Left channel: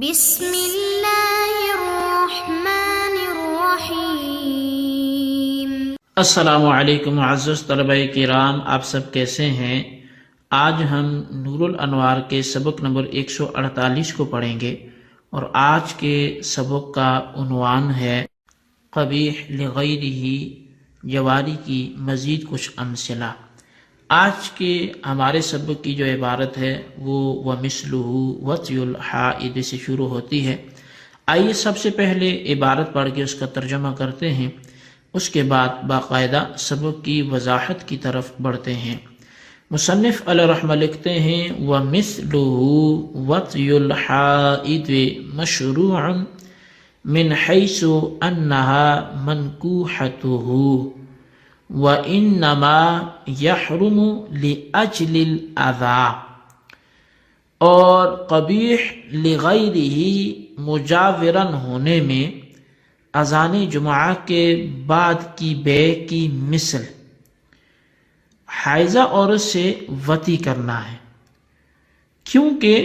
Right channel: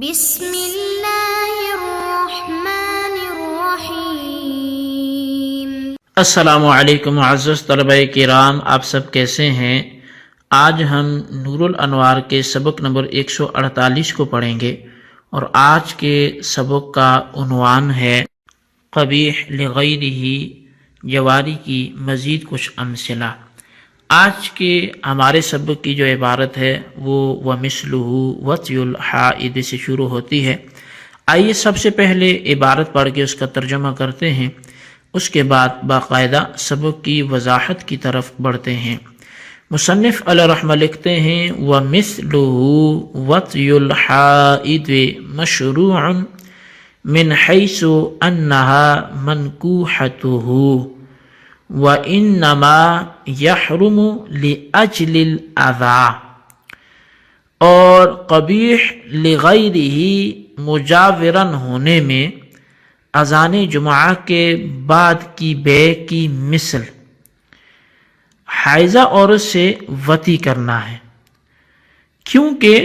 بسم اللہ الرحمن الرحیم۔ السلام علیکم معزز طلبہ کرام، آپ سب کیسے ہیں؟ آج ہم نور الانوار کے سبق نمبر 148 کو پڑھیں گے، اور آج کے سبق کا عنوان ہے قبیح لغیرہ، جواری کی مزید کچھ امثلہ۔ آج کے ہمارے سبق کی جو عبارت ہے وہ وَمِثْلُهُ وَطْيُ الْحَائِضِ سے شروع ہوتی ہے۔ آئیے سب سے پہلے عبارت پڑھ کے اس کا ترجمہ کرتے ہیں، اس کے بعد باقاعدہ سبق کی وضاحت کی طرف بڑھتے ہیں۔ مصنف علیہ رحمہ لکھتے ہیں وَمِثْلُهُ وَطْيُ الْحَائِضِ مَشْرُوعٌ مِنْ حَيْثُ أَنَّهَا مَنْكُوحَتُهُ وَإِنَّمَا يَحْرُمُ لِأَجْلِ الْأَذَى، اور قبیح لغیرہ مجاورن ہونے میں اذان جمعہ کے بعد کی بے کی مثل حائضہ عورت سے وطی کرنا ہے، کیونکہ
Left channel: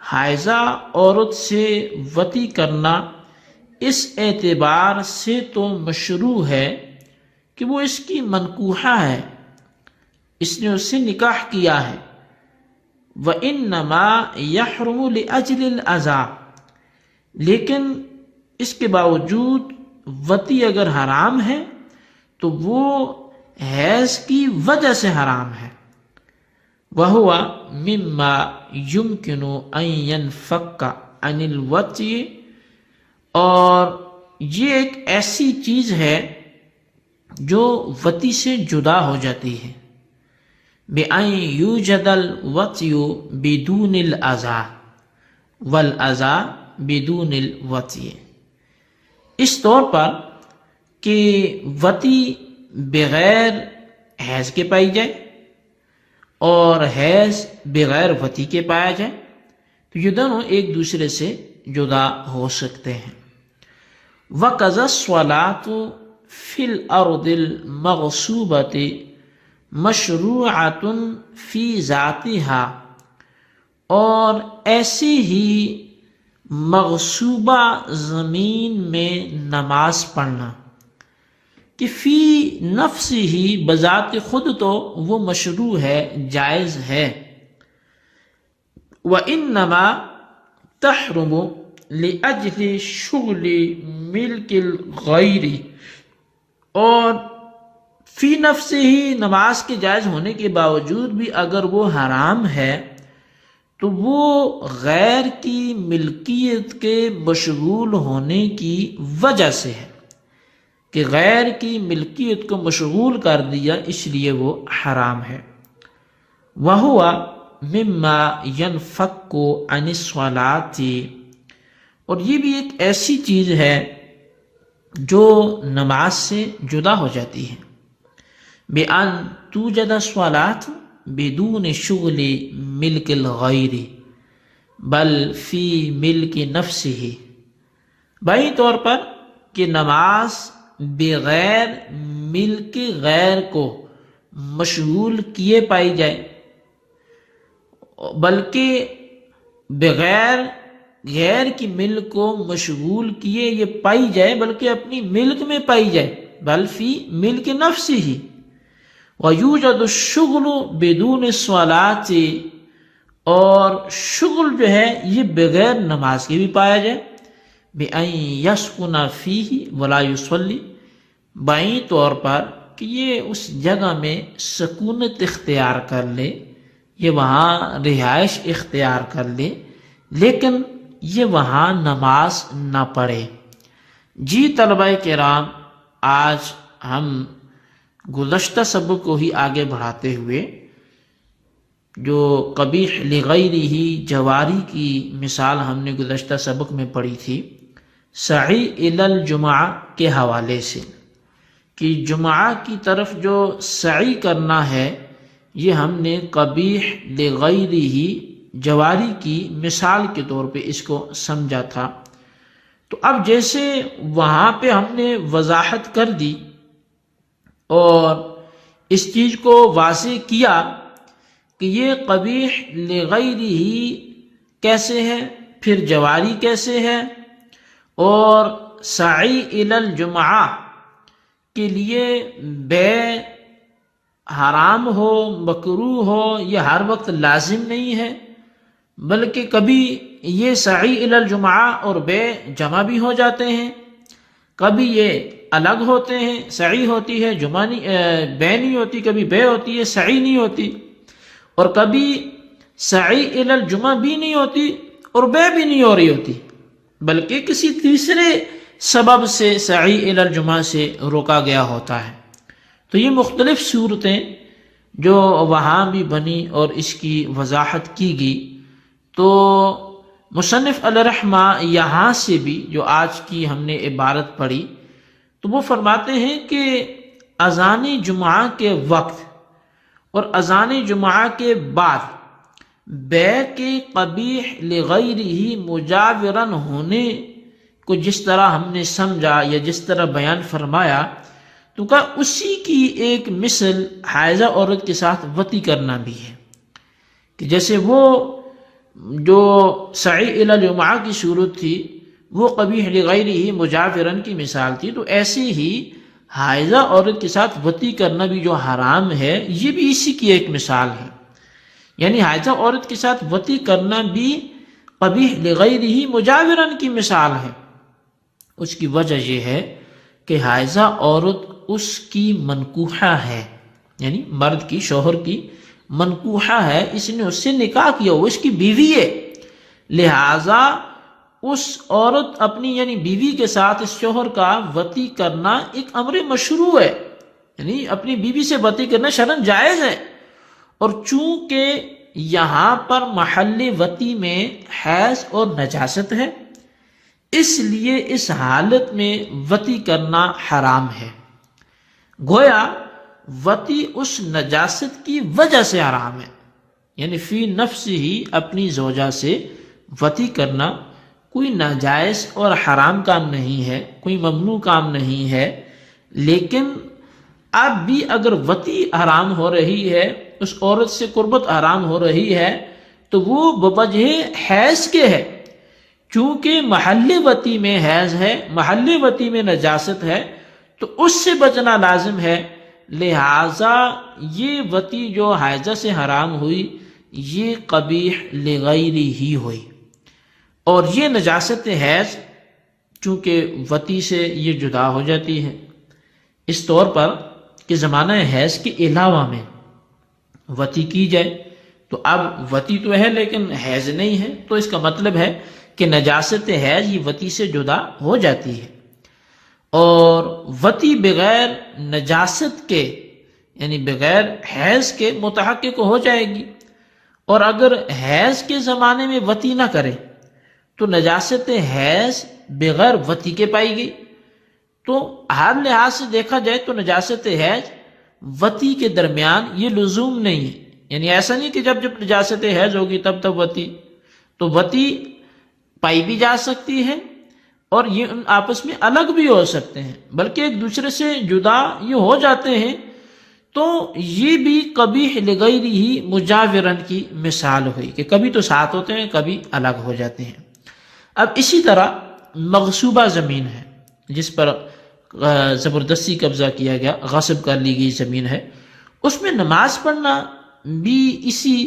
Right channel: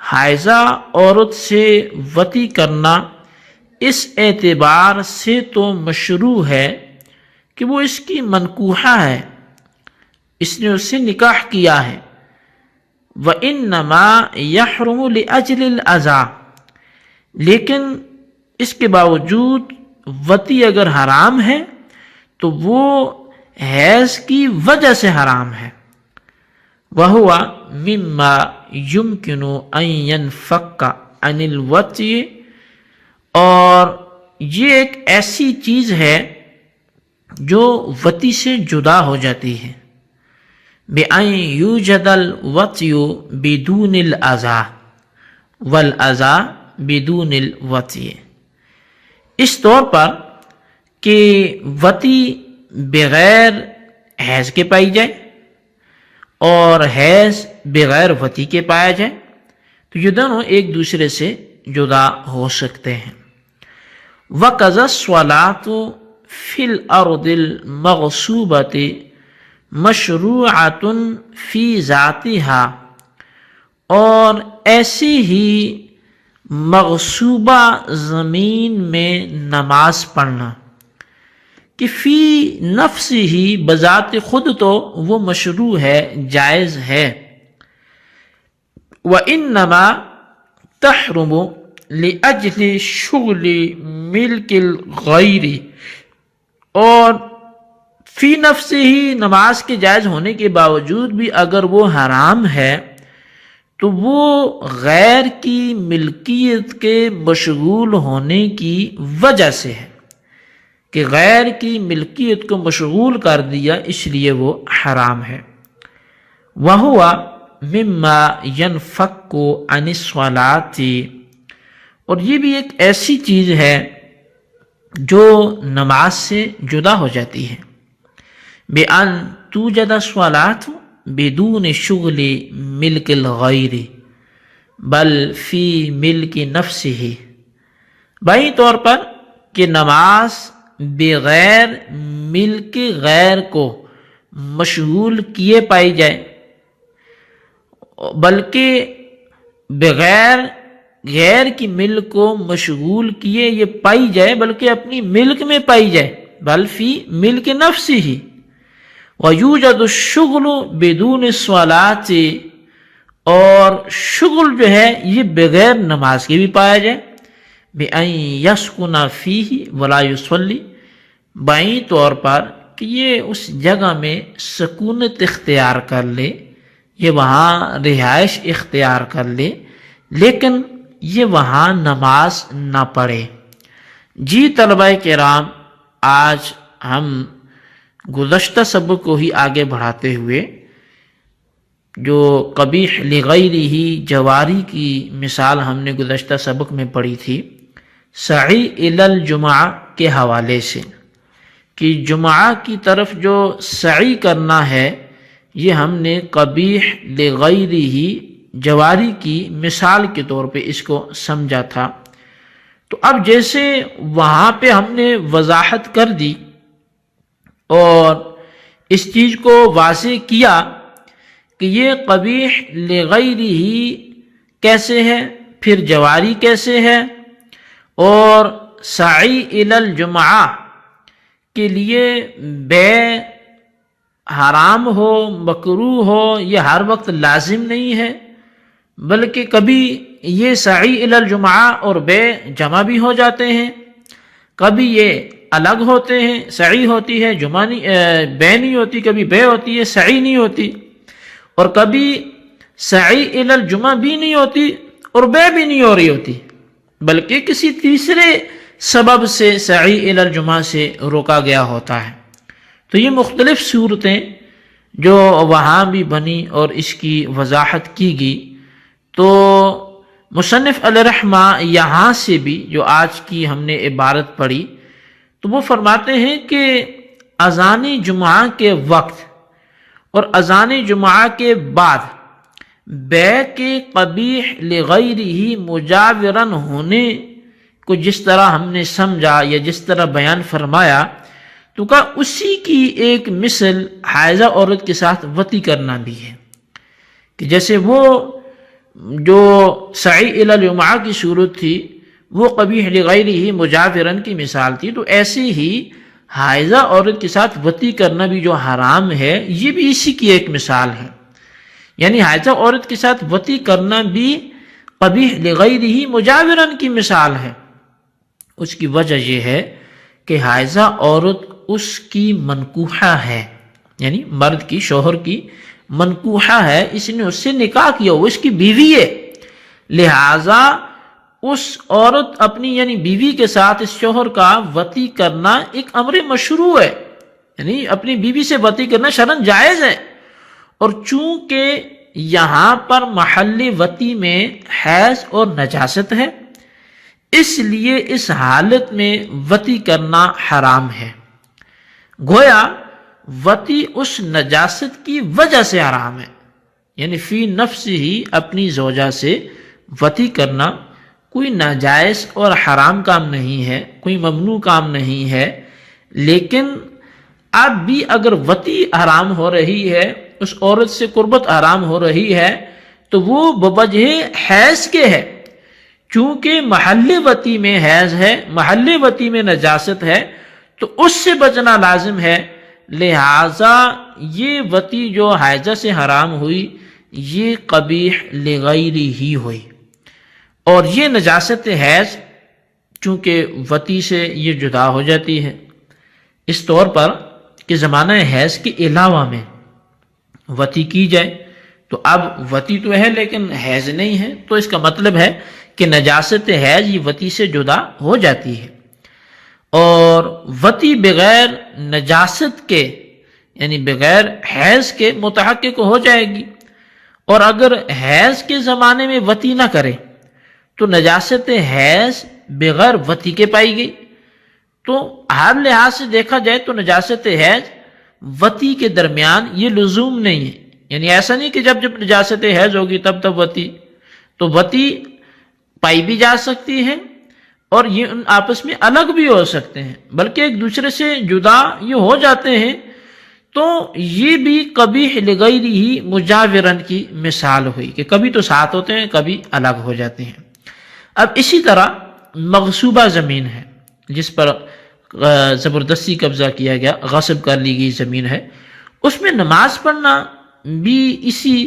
حائضہ عورت سے وطی کرنا اس اعتبار سے تو مشروع ہے کہ وہ اس کی منکوحہ ہے، اس نے اس سے نکاح کیا ہے۔ وَإِنَّمَا يَحْرُمُ لِأَجْلِ الْأَذَى، لیکن اس کے باوجود وطی اگر حرام ہے تو وہ حیض کی وجہ سے حرام ہے۔ وَهُوَ مِمَّا يُمْكِنُ أَن يَنْفَكَّ عَنِ الْوَطْيِ، اور یہ ایک ایسی چیز ہے جو وطی سے جدا ہو جاتی ہے۔ بِأَن يُوجَدَ الْوَطْيُ بِدُونِ الْأَذَى وَالْأَذَى بِدُونِ الْوَطْيِ، اس طور پر کہ وطی بغیر حیض کے پائی جائے اور حیض بغیر وطی کے پایا جائے، تو یہ دونوں ایک دوسرے سے جدا ہو سکتے ہیں۔ وَقَضَى الصَّلَاةُ فِي الْأَرْضِ الْمَغْصُوبَةِ مَشْرُوعَةٌ فِي ذَاتِهَا، اور ایسے ہی مغصوبہ زمین میں نماز پڑھنا کہ فی نفس ہی بذات خود تو وہ مشروع ہے، جائز ہے۔ وَإِنَّمَا تَحْرُمُ لِأَجْلِ شُغْلِ مِلْكِ الْغَيْرِ، اور فی نفس ہی نماز کے جائز ہونے کے باوجود بھی اگر وہ حرام ہے تو وہ غیر کی ملکیت کے مشغول ہونے کی وجہ سے ہے، کہ غیر کی ملکیت کو مشغول کر دیا، اس لیے وہ حرام ہے۔ وَهُوَ مِمَّا يَنْفَكُّ عَنِ الصَّلَاةِ، اور یہ بھی ایک ایسی چیز ہے جو نماز سے جدا ہو جاتی ہے۔ بِأَن تُوجَدَ الصَّلَاةُ بِدُونِ شُغْلِ مِلْكِ الْغَيْرِ بَلْ فِي مِلْكِ نَفْسِهِ، بھائی طور پر کہ نماز بغیر ملک غیر کو مشغول کیے پائی جائے، بلکہ بغیر غیر کی ملک کو مشغول کیے یہ پائی جائے، بلکہ اپنی ملک میں پائی جائے، بل فی ملک نفسی ہی۔ وَيُوجَدُ الشُّغْلُ بِدُونِ الصَّلَاةِ، اور شغل جو ہے یہ بغیر نماز کے بھی پایا جائے۔ بِأَن يَسْكُنَ فِيهِ وَلَا يُصَلِّ، بائیں طور پر کہ یہ اس جگہ میں سکونت اختیار کر لے، یہ وہاں رہائش اختیار کر لے، لیکن یہ وہاں نماز نہ پڑھے۔ جی طلبہ کرام، آج ہم گزشتہ سبق کو ہی آگے بڑھاتے ہوئے جو قبیح لغیرہ جواری کی مثال ہم نے گزشتہ سبق میں پڑھی تھی سعی الی الجمعہ کے حوالے سے، کہ جمعہ کی طرف جو سعی کرنا ہے یہ ہم نے قبیح لغیرہ جواری کی مثال کے طور پہ اس کو سمجھا تھا۔ تو اب جیسے وہاں پہ ہم نے وضاحت کر دی اور اس چیز کو واضح کیا کہ یہ قبیح لغیرہ کیسے ہے، پھر جواری کیسے ہے، اور سعی الی الجمعہ کے لیے بے حرام ہو، مکروہ ہو، یہ ہر وقت لازم نہیں ہے، بلکہ کبھی یہ سعی الی الجمعہ اور بے جمع بھی ہو جاتے ہیں، کبھی یہ الگ ہوتے ہیں، سعی ہوتی ہے جمع نہیں، بے نہیں ہوتی، کبھی بے ہوتی ہے سعی نہیں ہوتی، اور کبھی سعی الی الجمعہ بھی نہیں ہوتی اور بے بھی نہیں ہو رہی ہوتی، بلکہ کسی تیسرے سبب سے سعی الی الجمعہ سے روکا گیا ہوتا ہے۔ تو یہ مختلف صورتیں جو وہاں بھی بنی اور اس کی وضاحت کی گئی، تو مصنف علیہ رحمہ یہاں سے بھی جو آج کی ہم نے عبارت پڑھی، تو وہ فرماتے ہیں کہ اذان جمعہ کے وقت اور اذان جمعہ کے بعد بے کے قبیح لغیرہ مجاورن ہونے کو جس طرح ہم نے سمجھا یا جس طرح بیان فرمایا، تو کہا اسی کی ایک مثل حائضہ عورت کے ساتھ وطی کرنا بھی ہے، کہ جیسے وہ جو سعی الی الجمعہ کی صورت تھی وہ قبیح لغیرہ مجاورن کی مثال تھی، تو ایسے ہی حائضہ عورت کے ساتھ وطی کرنا بھی جو حرام ہے، یہ بھی اسی کی ایک مثال ہے، یعنی حائضہ عورت کے ساتھ وطی کرنا بھی قبیح لغیرہ مجاورن کی مثال ہے۔ اس کی وجہ یہ ہے کہ حائضہ عورت اس کی منکوحہ ہے، یعنی مرد کی، شوہر کی منکوحہ ہے، اس نے اس سے نکاح کیا، وہ اس کی بیوی ہے، لہٰذا اس عورت اپنی یعنی بیوی کے ساتھ اس شوہر کا وطی کرنا ایک امر مشروع ہے، یعنی اپنی بیوی سے وطی کرنا شرعاً جائز ہے، اور چونکہ یہاں پر محل وطی میں حیض اور نجاست ہے، اس لیے اس حالت میں وطی کرنا حرام ہے، گویا وطی اس نجاست کی وجہ سے حرام ہے، یعنی فی نفس ہی اپنی زوجہ سے وطی کرنا کوئی ناجائز اور حرام کام نہیں ہے، کوئی ممنوع کام نہیں ہے، لیکن اب بھی اگر وطی حرام ہو رہی ہے، اس عورت سے قربت حرام ہو رہی ہے، تو وہ بوجہ حیض کے ہے، چونکہ محل وطی میں حیض ہے، محل وطی میں نجاست ہے، تو اس سے بچنا لازم ہے، لہٰذا یہ وطی جو حائضہ سے حرام ہوئی یہ قبیح لغیرہ ہی ہوئی، اور یہ نجاست حیض چونکہ وطی سے یہ جدا ہو جاتی ہے، اس طور پر کہ زمانہ حیض کے علاوہ میں وطی کی جائے، تو اب وطی تو ہے لیکن حیض نہیں ہے، تو اس کا مطلب ہے کہ نجاست حیض یہ وطی سے جدا ہو جاتی ہے، اور وطی بغیر نجاست کے یعنی بغیر حیض کے متحقق ہو جائے گی، اور اگر حیض کے زمانے میں وطی نہ کرے تو نجاست حیض بغیر وطی کے پائی گئی، تو ہر لحاظ سے دیکھا جائے تو نجاست حیض وطی کے درمیان یہ لزوم نہیں ہے، یعنی ایسا نہیں کہ جب جب نجاست حیض ہوگی تب تب وطی، تو وطی پائی بھی جا سکتی ہے اور یہ ان آپس میں الگ بھی ہو سکتے ہیں، بلکہ ایک دوسرے سے جدا یہ ہو جاتے ہیں، تو یہ بھی قبیح لغیرہ مجاورن کی مثال ہوئی کہ کبھی تو ساتھ ہوتے ہیں کبھی الگ ہو جاتے ہیں۔ اب اسی طرح مغصوبہ زمین ہے جس پر زبردستی قبضہ کیا گیا، غصب کر لی گئی زمین ہے، اس میں نماز پڑھنا بھی اسی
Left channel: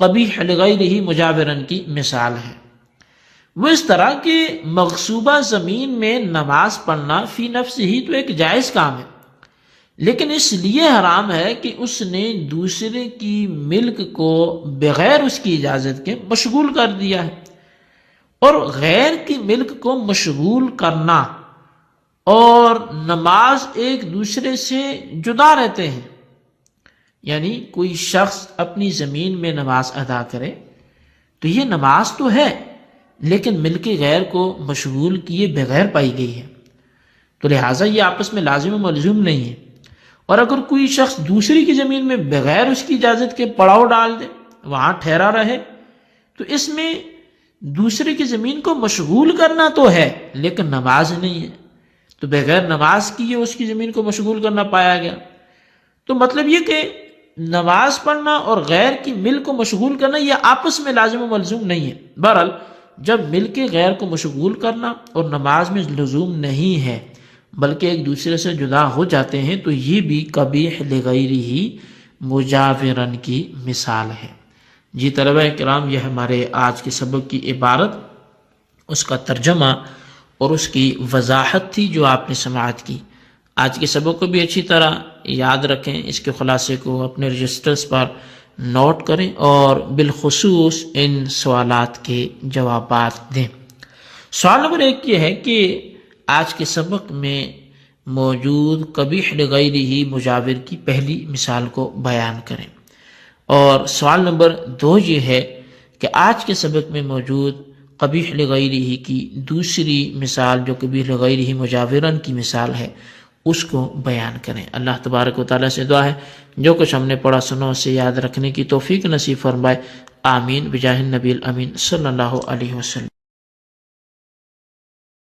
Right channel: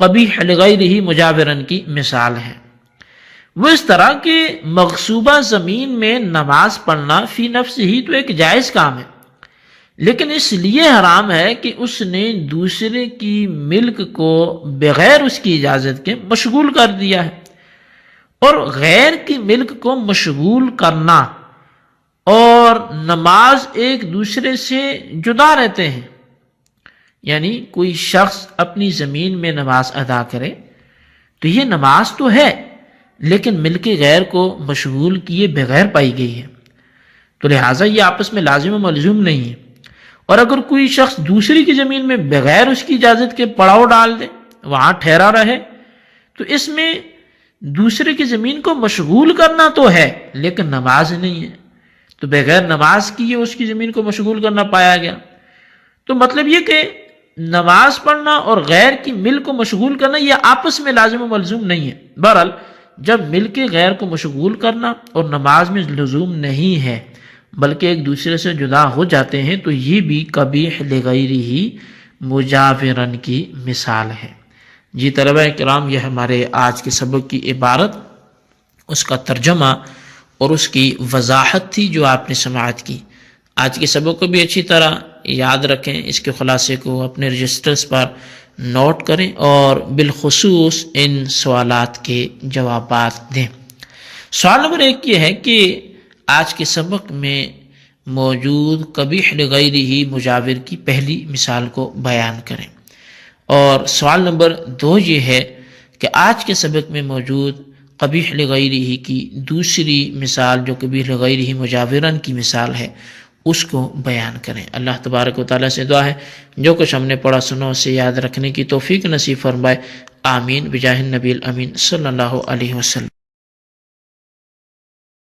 قبیح لغیرہ مجاورن کی مثال ہے۔ وہ اس طرح کہ مغصوبہ زمین میں نماز پڑھنا فی نفس ہی تو ایک جائز کام ہے، لیکن اس لیے حرام ہے کہ اس نے دوسرے کی ملک کو بغیر اس کی اجازت کے مشغول کر دیا ہے، اور غیر کی ملک کو مشغول کرنا اور نماز ایک دوسرے سے جدا رہتے ہیں، یعنی کوئی شخص اپنی زمین میں نماز ادا کرے تو یہ نماز تو ہے لیکن ملک غیر کو مشغول کیے بغیر پائی گئی ہے، تو لہٰذا یہ آپس میں لازم و ملزوم نہیں ہے، اور اگر کوئی شخص دوسری کی زمین میں بغیر اس کی اجازت کے پڑاؤ ڈال دے، وہاں ٹھہرا رہے، تو اس میں دوسرے کی زمین کو مشغول کرنا تو ہے لیکن نماز نہیں ہے، تو بغیر نماز کیے اس کی زمین کو مشغول کرنا پایا گیا، تو مطلب یہ کہ نماز پڑھنا اور غیر کی ملک کو مشغول کرنا یہ آپس میں لازم و ملزوم نہیں ہے۔ بہرحال جب مل کے غیر کو مشغول کرنا اور نماز میں لزوم نہیں ہے بلکہ ایک دوسرے سے جدا ہو جاتے ہیں تو یہ بھی قبیح لغیرہ مجاورن کی مثال ہے۔ جی طلبہ کرام، یہ ہمارے آج کے سبق کی عبارت، اس کا ترجمہ اور اس کی وضاحت تھی جو آپ نے سماعت کی۔ آج کے سبق کو بھی اچھی طرح یاد رکھیں، اس کے خلاصے کو اپنے رجسٹرز پر نوٹ کریں اور بالخصوص ان سوالات کے جوابات دیں۔ سوال نمبر 1 یہ ہے کہ آج کے سبق میں موجود قبیح لغیرہ مجاور کی پہلی مثال کو بیان کریں، اور سوال نمبر 2 یہ ہے کہ آج کے سبق میں موجود قبیح لغیرہ کی دوسری مثال جو قبیح لغیرہ مجاورن کی مثال ہے اس کو بیان کریں۔ اللہ تبارک و تعالیٰ سے دعا ہے جو کچھ ہم نے پڑھا سنا اسے یاد رکھنے کی توفیق نصیب فرمائے، آمین بجاہ النبی الامین صلی اللہ علیہ وسلم۔